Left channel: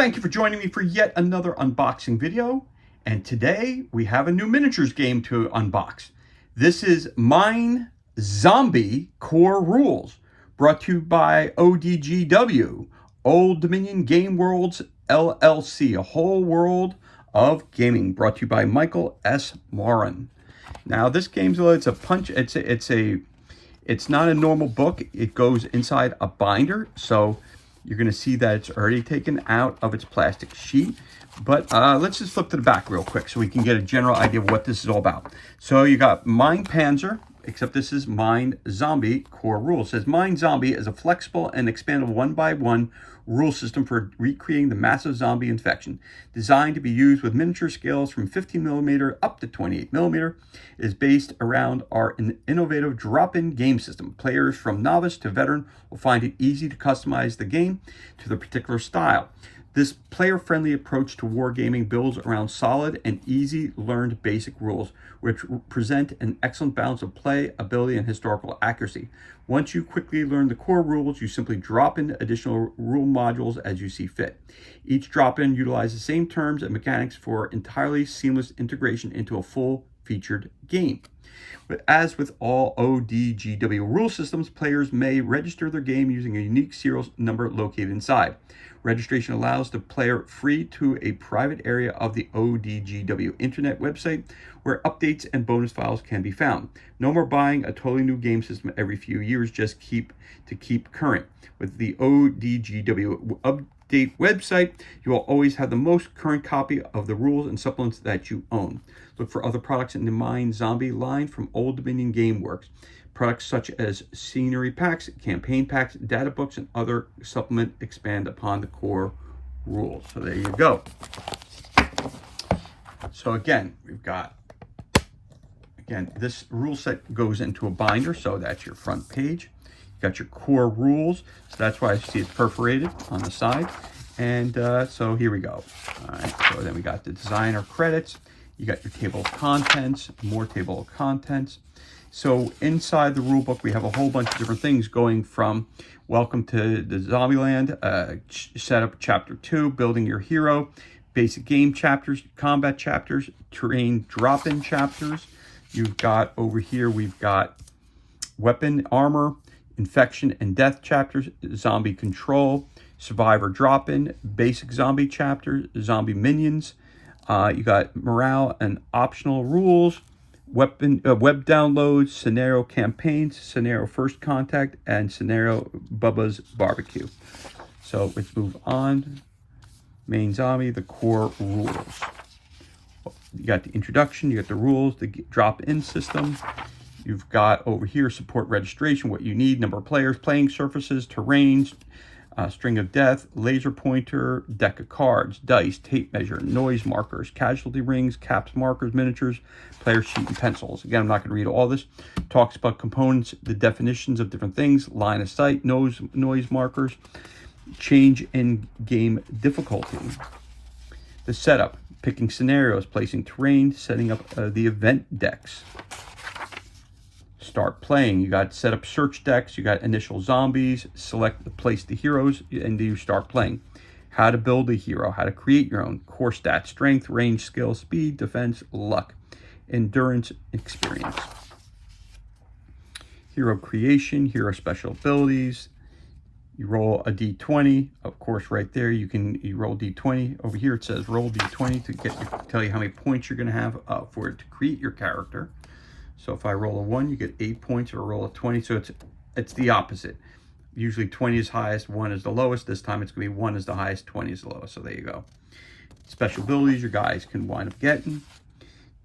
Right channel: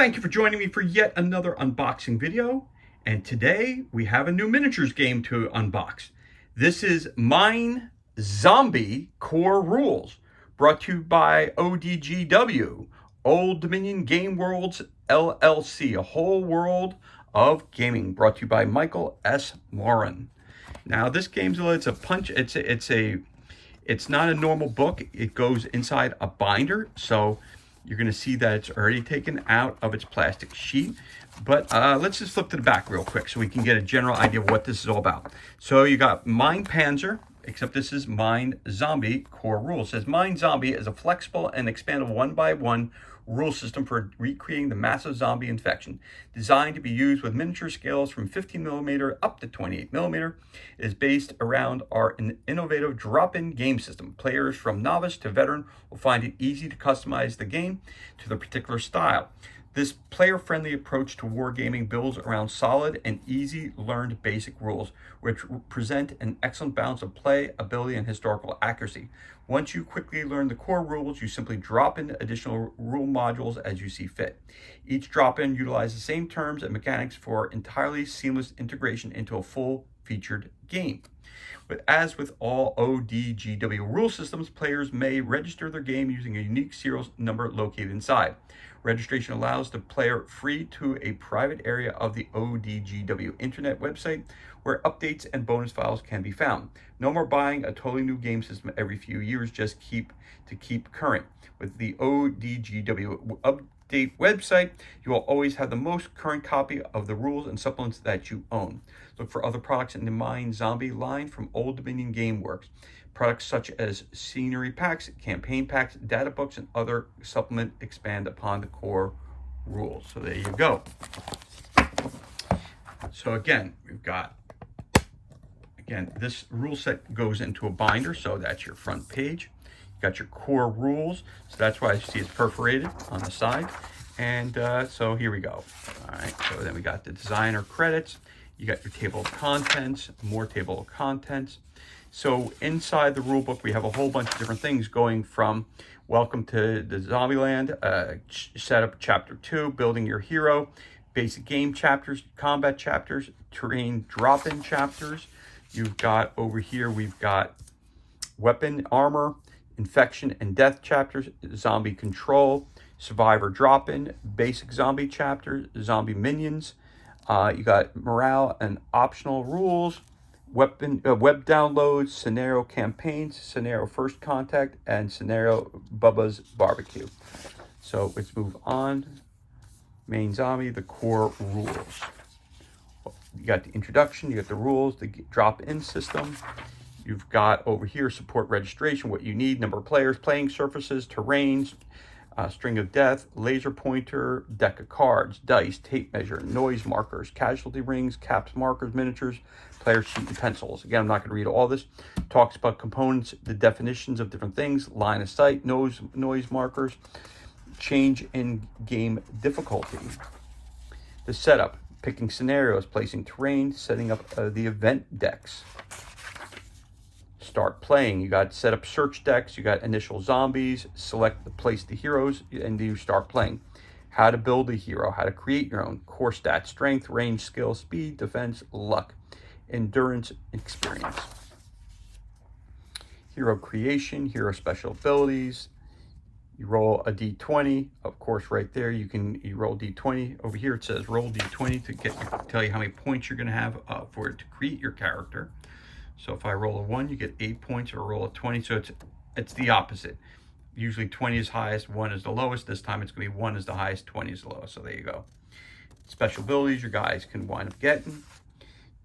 Thank you for joining me for yet another unboxing video. And today we have a new miniatures game to unbox. This is Mine Zombie Core Rules, brought to you by ODGW, Old Dominion Game Worlds LLC, a whole world of gaming, brought to you by Michael S. Moran. Now this game's it's not a normal book. It goes inside a binder, so you're going to see that it's already taken out of its plastic sheet. But let's just flip to the back real quick so we can get a general idea of what this is all about. So you got Mine Panzer, except this is Mine Zombie Core Rules. It says Mine Zombie is a flexible and expandable one-by-one rule system for recreating the massive zombie infection. Designed to be used with miniature scales from 15mm up to 28mm, it is based around our innovative drop-in game system. Players from novice to veteran will find it easy to customize the game to their particular style. This player-friendly approach to wargaming builds around solid and easy-learned basic rules, which present an excellent balance of play, ability, and historical accuracy. Once you quickly learn the core rules, you simply drop in additional rule modules as you see fit. Each drop-in utilizes the same terms and mechanics for entirely seamless integration into a full-featured game. But as with all ODGW rule systems, players may register their game using a unique serial number located inside. Registration allows the player free to a private area of the ODGW internet website where updates and bonus files can be found. No more buying a totally new game system every few years, just keep current. With the ODGW update website, you will always have the most current copy of the rules and supplements that you own. Look for other products in the Mine Zombie line from Old Dominion Gameworks. Products such as scenery packs, campaign packs, data books, and other supplement expand upon the core rules. So there you go. So again, we've got, this rule set goes into a binder, so that's your front page. You got your core rules, so that's why I see it's perforated on the side. And so here we go. All right, so then we got the designer credits. You got your table of contents, more table of contents. So inside the rule book, we have a whole bunch of different things going from welcome to the Zombieland, setup chapter 2, building your hero, basic game chapters, combat chapters, terrain drop-in chapters. You've got over here, we've got weapon, armor, infection and death chapters, zombie control, survivor drop-in, basic zombie chapters, zombie minions. You got morale and optional rules, web downloads, scenario campaigns, scenario first contact, and scenario Bubba's barbecue. So let's move on. Main zombie, the core rules. You got the introduction, you got the rules, the drop-in system. You've got over here support registration, what you need, number of players, playing surfaces, terrains, string of death, laser pointer, deck of cards, dice, tape measure, noise markers, casualty rings, caps, markers, miniatures, player sheet, and pencils. Again, I'm not going to read all this. Talks about components, the definitions of different things, line of sight, noise markers, change in game difficulty. The setup, picking scenarios, placing terrain, setting up the event decks. Start playing. You got set up search decks, you got initial zombies, place the heroes, and then you start playing. How to build a hero, how to create your own, core stats, strength, range, skill, speed, defense, luck, endurance, experience. Hero creation, hero special abilities. You roll a d20, of course right there you roll d20. Over here it says roll d20 to tell you how many points you're going to have for it to create your character. So if I roll a 1, you get 8 points, or roll a 20. So it's the opposite. Usually 20 is highest, 1 is the lowest. This time it's going to be 1 is the highest, 20 is the lowest. So there you go. Special abilities your guys can wind up getting.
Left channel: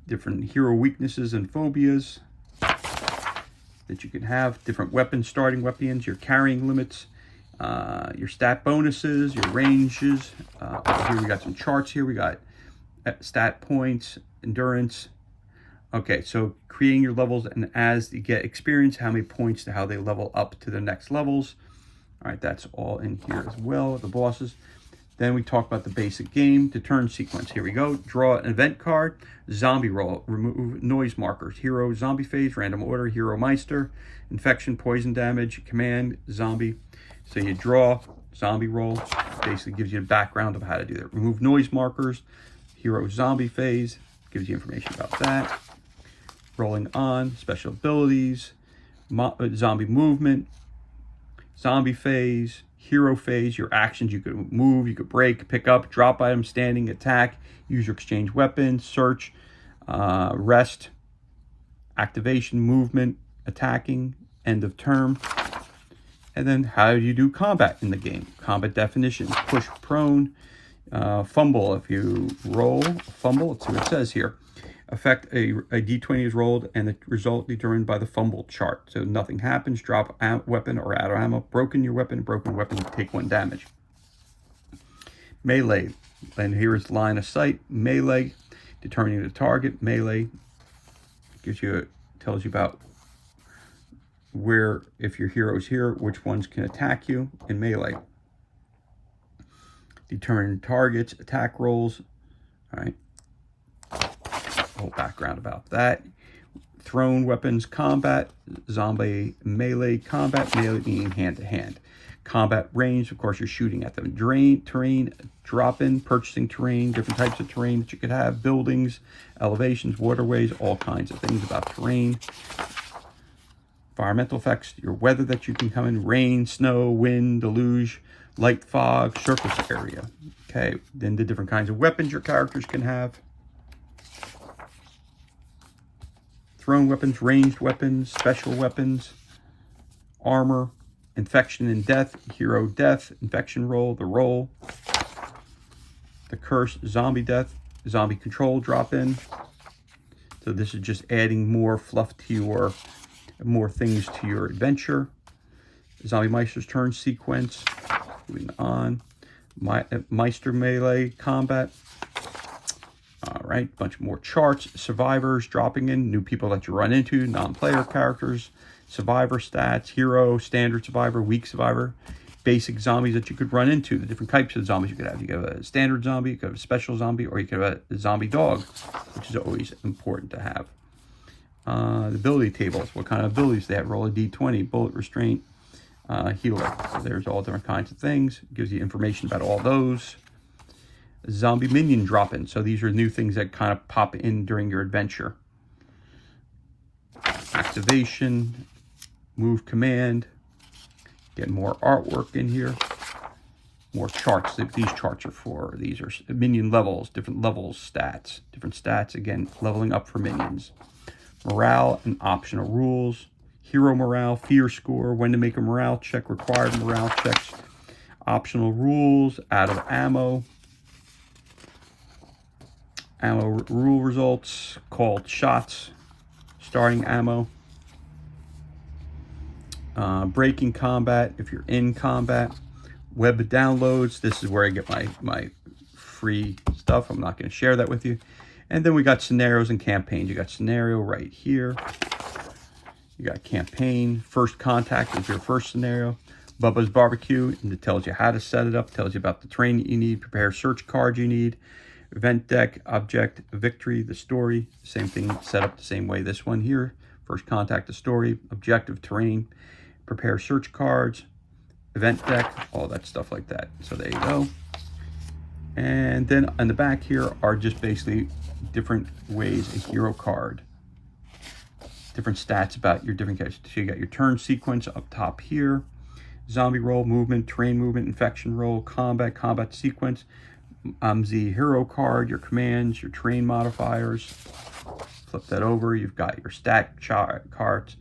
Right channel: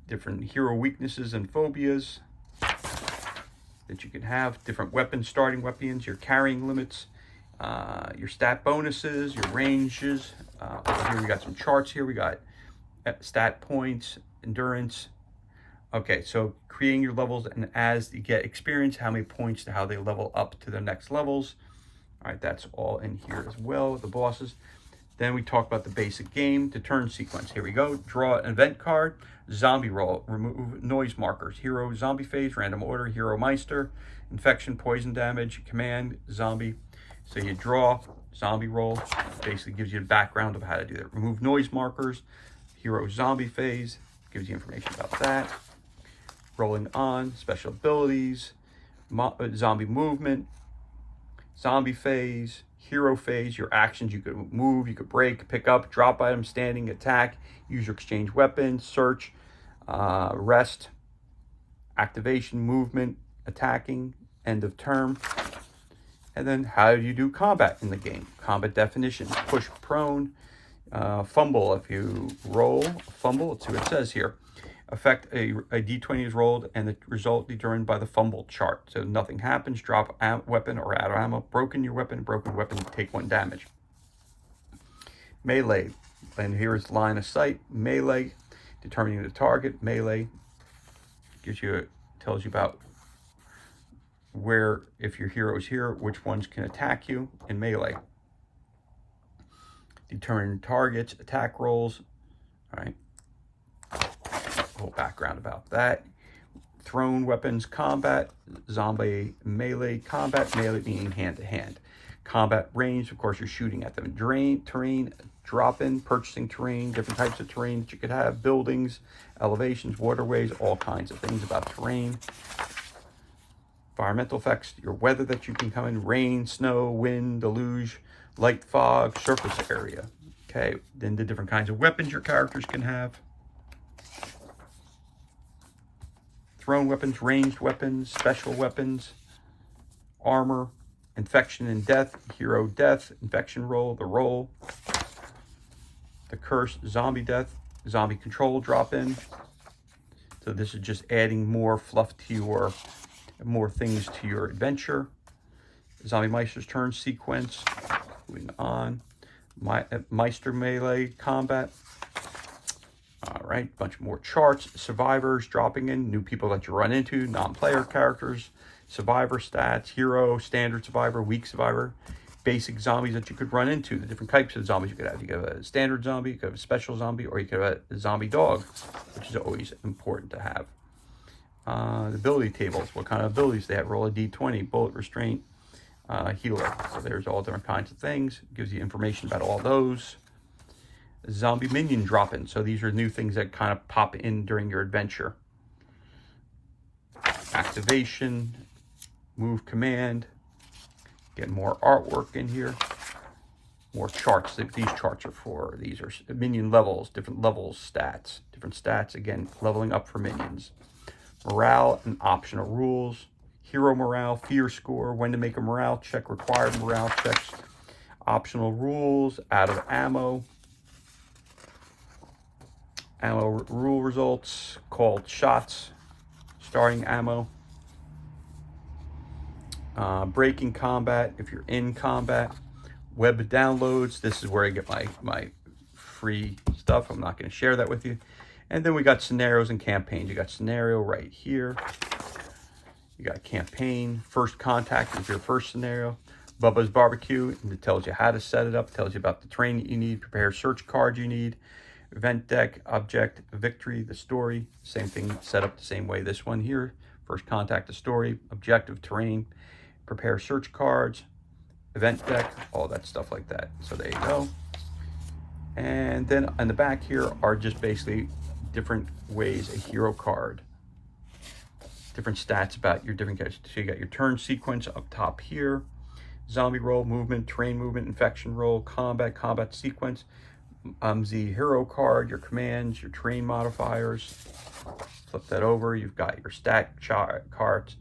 Different hero weaknesses and phobias that you can have. Different weapons, starting weapons, your carrying limits, your stat bonuses, your ranges. Here we got some charts here. We got stat points, endurance. Okay, so creating your levels, and as you get experience, how many points to how they level up to the next levels. All right, that's all in here as well, the bosses. Then we talk about the basic game, the turn sequence. Here we go. Draw an event card, zombie roll, remove noise markers, hero, zombie phase, random order, hero meister, infection, poison damage, command, zombie, So you draw, zombie roll, basically gives you a background of how to do that. Remove noise markers, hero zombie phase, gives you information about that. Rolling on, special abilities, zombie movement, zombie phase, hero phase, your actions. You could move, you could break, pick up, drop items, standing, attack, use or exchange weapons, search, rest, activation, movement, attacking, end of turn. And then how do you do combat in the game? Combat definitions: push, prone, fumble. If you roll fumble, let's see what it says here. Effect, a d20 is rolled and the result determined by the fumble chart. So nothing happens, drop weapon or out of ammo, broken weapon, take 1 damage. Melee, and here is line of sight. Melee, determining the target. Melee tells you about where, if your hero's here, which ones can attack you in melee. Determine targets, attack rolls. All right. Whole background about that. Thrown weapons combat, zombie melee combat, melee being hand to hand. Combat range, of course, you're shooting at them. Terrain, drop in, purchasing terrain, different types of terrain that you could have, buildings, elevations, waterways, all kinds of things about terrain. Environmental effects, your weather that you can come in, rain, snow, wind, deluge, light fog, surface area. Okay, then the different kinds of weapons your characters can have. Thrown weapons, ranged weapons, special weapons, armor, infection and death, hero death, infection roll, the roll, the curse, zombie death, zombie control drop in. So this is just adding more fluff to your, more things to your adventure. Zombie Meister's turn sequence, moving on. Meister melee combat. All right, bunch more charts. Survivors dropping in, new people that you run into, non-player characters, survivor stats, hero, standard survivor, weak survivor, basic zombies that you could run into, the different types of zombies you could have. You could have a standard zombie, you could have a special zombie, or you could have a zombie dog, which is always important to have. The ability tables, what kind of abilities they have. Roll a d20, bullet restraint, healer. So there's all different kinds of things. It gives you information about all those. Zombie minion drop-in. So these are new things that kind of pop in during your adventure. Activation, move command. Get more artwork in here. More charts. These charts are for, these are minion levels, different levels, stats. Different stats, again, leveling up for minions. Morale and optional rules. Hero morale, fear score, when to make a morale check, required morale checks. Optional rules, out of ammo. Ammo rule results, called shots, starting ammo. Breaking combat, if you're in combat. Web downloads, this is where I get my free stuff. I'm not going to share that with you. And then we got scenarios and campaigns. You got scenario right here. You got campaign. First contact is your first scenario. Bubba's Barbecue, and it tells you how to set it up, tells you about the terrain that you need, prepare search cards you need. Event deck, object, victory, the story, same thing, set up the same way. This one here, first contact, the story, objective, terrain, prepare search cards, event deck, all that stuff like that. So there you go. And then on the back here are just basically different ways a hero card, different stats about your different characters. So you got your turn sequence up top here, zombie roll, movement, terrain movement, infection roll, combat sequence. The hero card, your commands, your terrain modifiers. Flip that over. You've got your stat cards,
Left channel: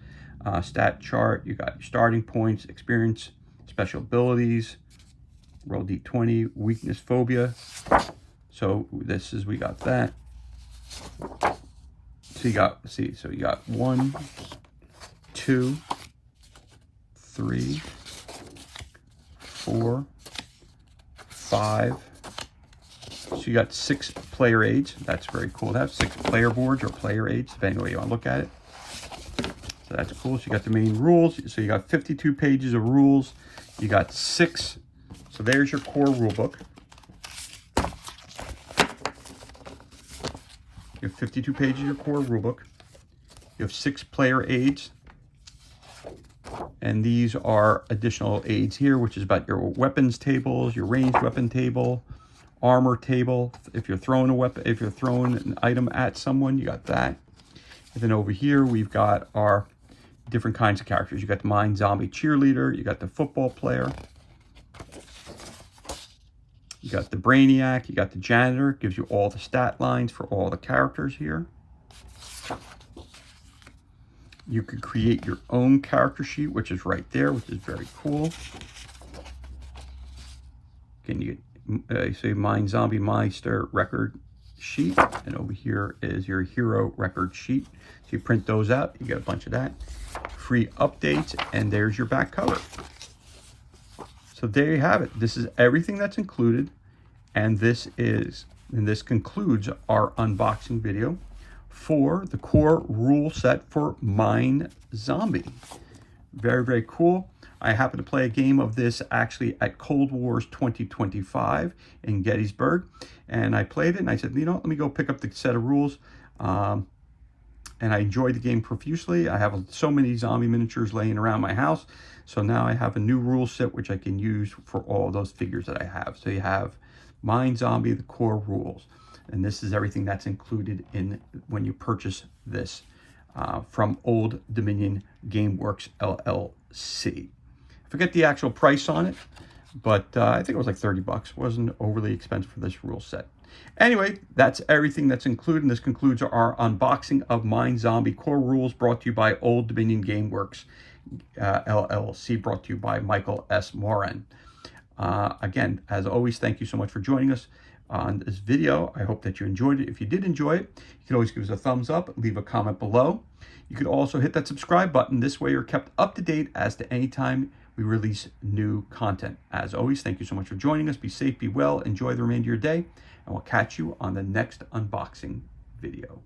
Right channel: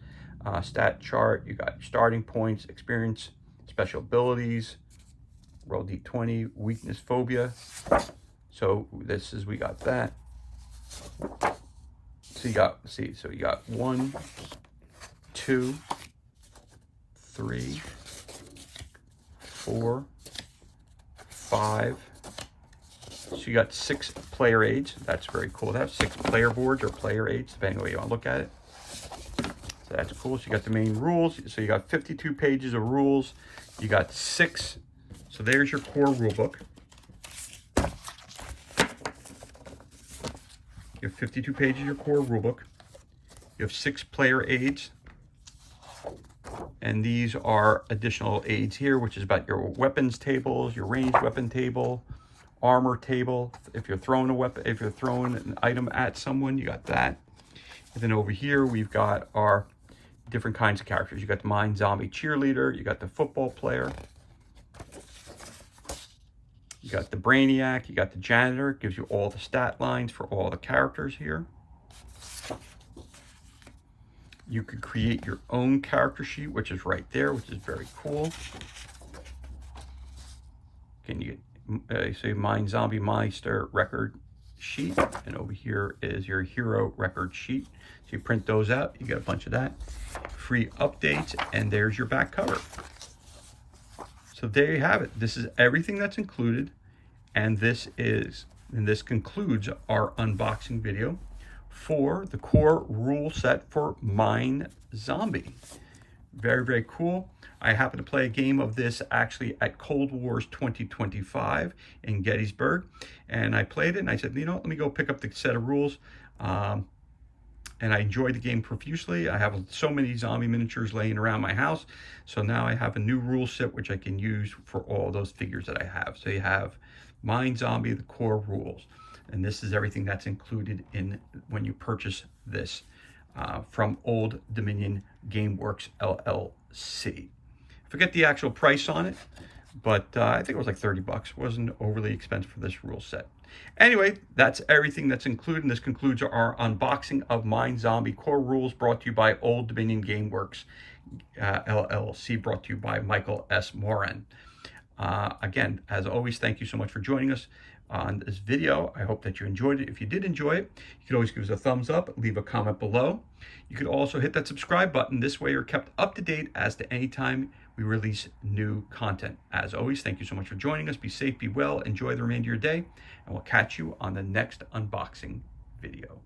stat chart. You got your starting points, experience, special abilities. Roll d20, weakness, phobia. So this is, we got that. So you got, see, so you got 1, 2, 3, 4, 5. So you got 6 player aids. That's very cool to have 6 player boards or player aids, depending on the way you want to look at it. So that's cool. So you got the main rules. So you got 52 pages of rules. You got 6. So there's your core rule book. You have 52 pages of your core rule book. You have 6 player aids. And these are additional aids here, which is about your weapons tables, your ranged weapon table, armor table. If you're throwing a weapon, if you're throwing an item at someone, you got that. And then over here, we've got our different kinds of characters. You got the Mind Zombie cheerleader, you got the football player, you got the Brainiac, you got the janitor, gives you all the stat lines for all the characters here. You could create your own character sheet, which is right there, which is very cool. Can you say Mind Zombie Meister record sheet, and over here is your hero record sheet. So you print those out, you get a bunch of that. Free updates, and there's your back cover. So there you have it. This is everything that's included, and this concludes our unboxing video for the core rule set for Mind Zombie. Very, very cool. I happened to play a game of this actually at Cold Wars 2025 in Gettysburg, and I played it, and I said, you know, let me go pick up the set of rules. And I enjoyed the game profusely. I have so many zombie miniatures laying around my house, so now I have a new rule set which I can use for all those figures that I have. So you have Mind Zombie, the core rules, and this is everything that's included in when you purchase this from Old Dominion Gameworks LLC. Forget the actual price on it, but I think it was like 30 bucks. Wasn't overly expensive for this rule set. Anyway, that's everything that's included, and this concludes our unboxing of Mind Zombie Core Rules, brought to you by Old Dominion Gameworks LLC, brought to you by Michael S. Moran. Again, as always, thank you so much for joining us on this video. I hope that you enjoyed it. If you did enjoy it, you can always give us a thumbs up, leave a comment below. You could also hit that subscribe button. This way you're kept up to date as to any time we release new content. As always, thank you so much for joining us. Be safe, be well, enjoy the remainder of your day, and we'll catch you on the next unboxing video.